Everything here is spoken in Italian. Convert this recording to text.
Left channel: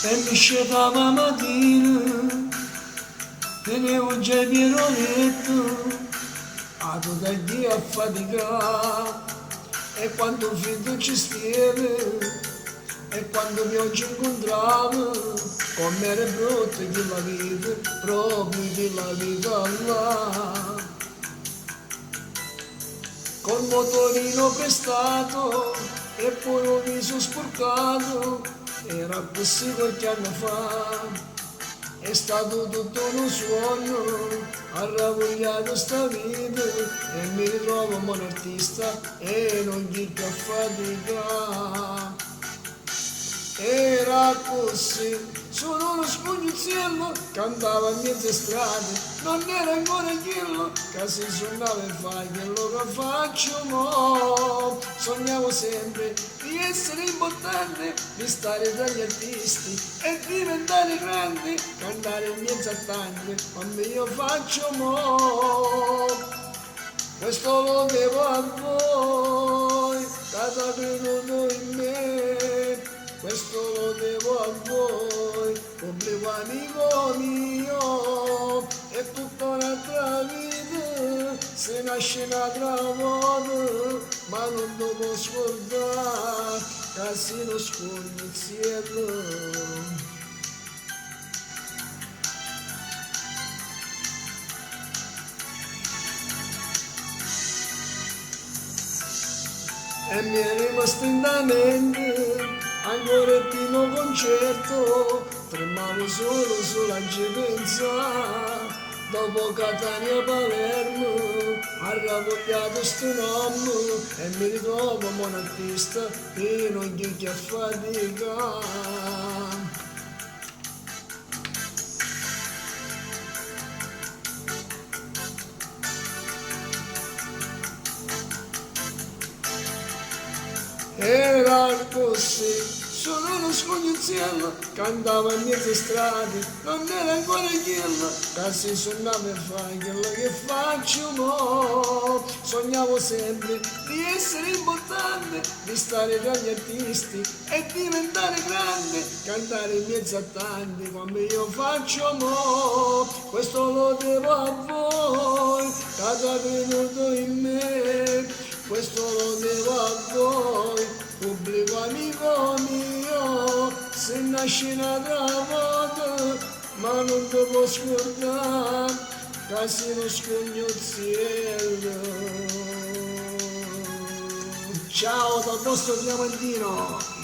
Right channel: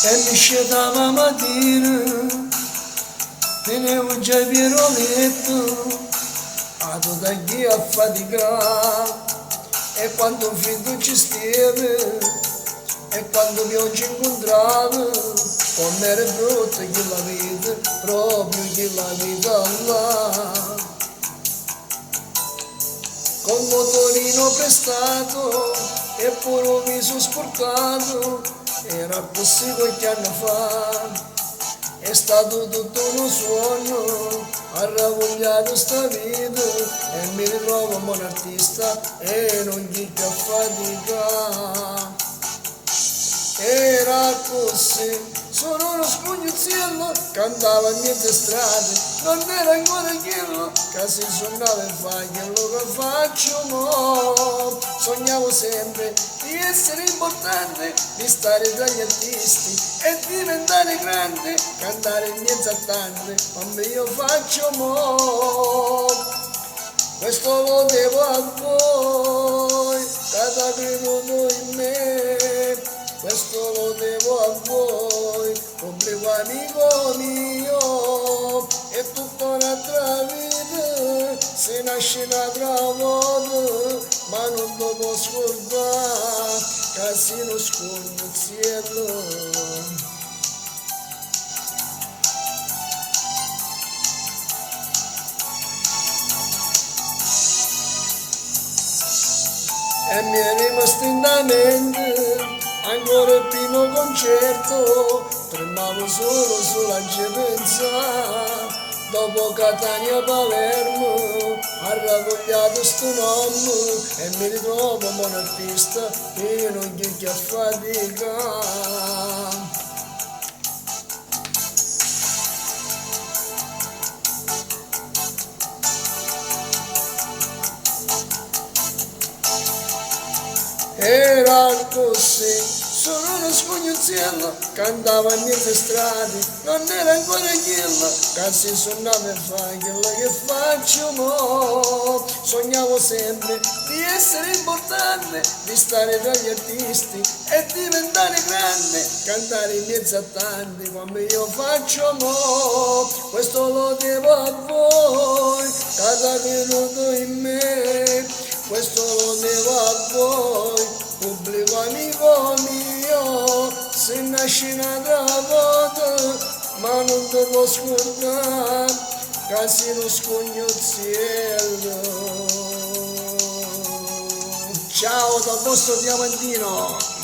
e mi scendeva mattina, tenevo già il pieroletto, a tutta chi a faticare, e quando finito ci stiamo, e quando pioggia incontravo, come era brutta che la vita, proprio che la vita là. Col motorino prestato e pure un viso sporcato, era così qualche anno fa. È stato tutto uno suono, ha ravogliato sta vita e mi ritrovo un buon artista e non gli più a fatica. Era così, sono uno scognuzzello, cantava in mezze strade, non era ancora quello che si suonava e fa quello che faccio mo. Sognavo sempre di essere importante, di stare tra gli artisti e diventare grande, cantare in mezzo a tante, come io faccio mo. Questo lo devo a voi, che avete creduto in me. Questo lo devo a voi, pubblico amico mio, è tutta un'altra vita, se nasce un'altra volta, ma non devo scordare, che si non scorda il cielo. E mi è rimasto in mente ancora il primo concerto, tremavo solo sulla pensa. Dopo Catania Palermo ha ravogliato sto nome e mi ritrovo un buon artista e non gli a fatica. Era così, sono uno scognuzzello, cantava in mezzo strade, non era ancora quello, che si suonava e fa quello che faccio mo. Sognavo sempre di essere importante, di stare tra gli artisti e diventare grande, cantare in mezzo a tanti come io faccio mo. Questo lo devo a voi, che avete creduto in me. Questo lo devo a voi, pubblico amico mio, se nasce un'altra volta, ma non te lo scordare, che si non scognuzzello. Ciao dal vostro Diamantino!